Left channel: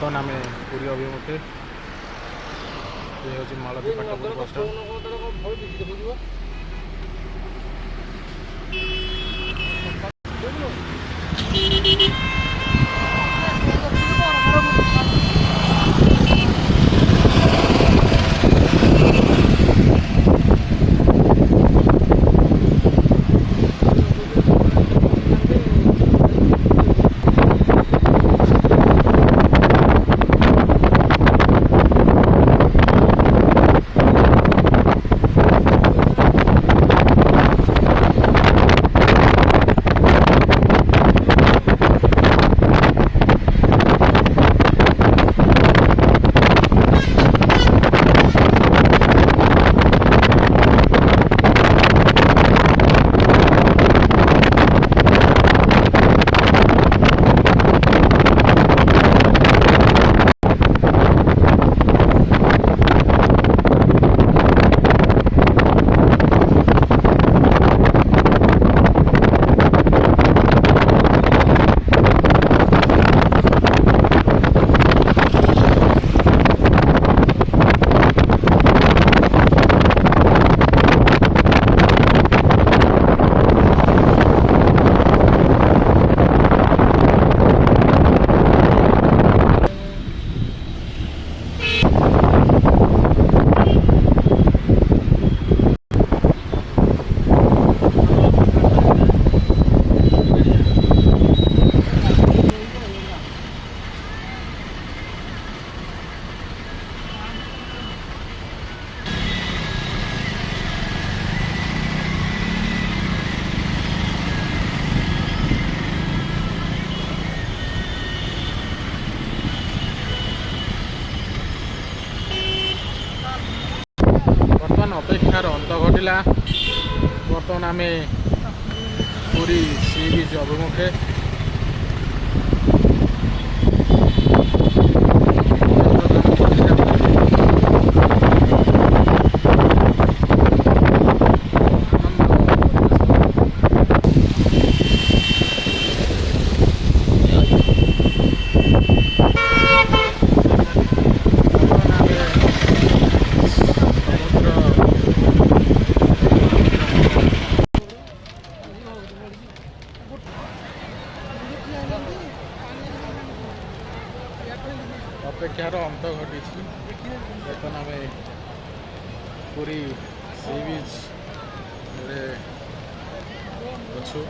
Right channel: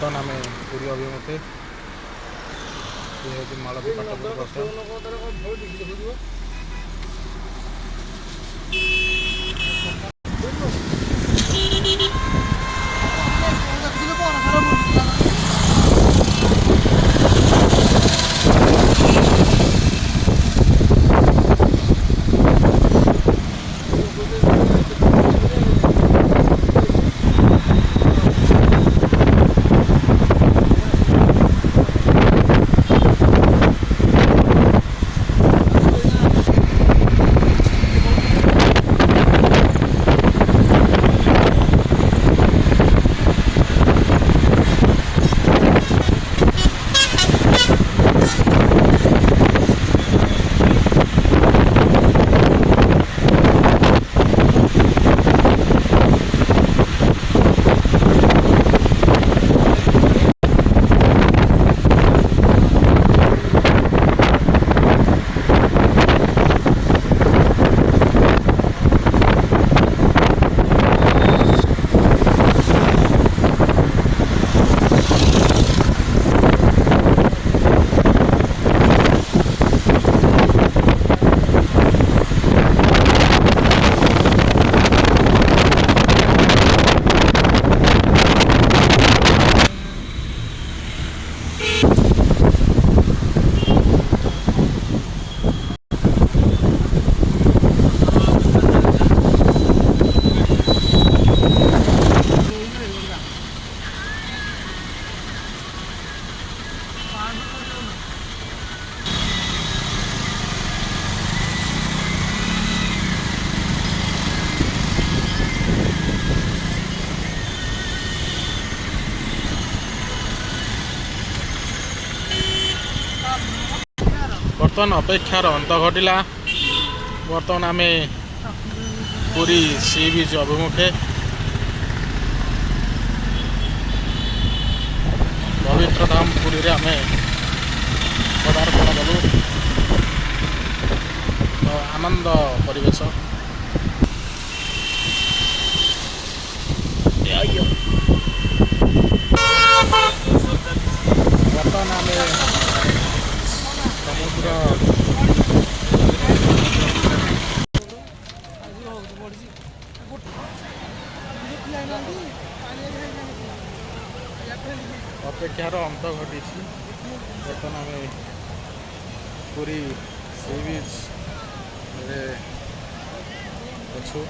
बर्तमान आम पूरी अभिमुखे ये हूँ मालती पाटपुर बस बर्तमान अपेक्षार अंत घटिला। बर्तमान आम पूरी सी बीच अभिमुखे पवित्र धाम पुरी आम आनंद परिवेश बर्तमान आम अपेक्षार अंत घटी। बर्तमान आम पूरी सी बीच अच्छु।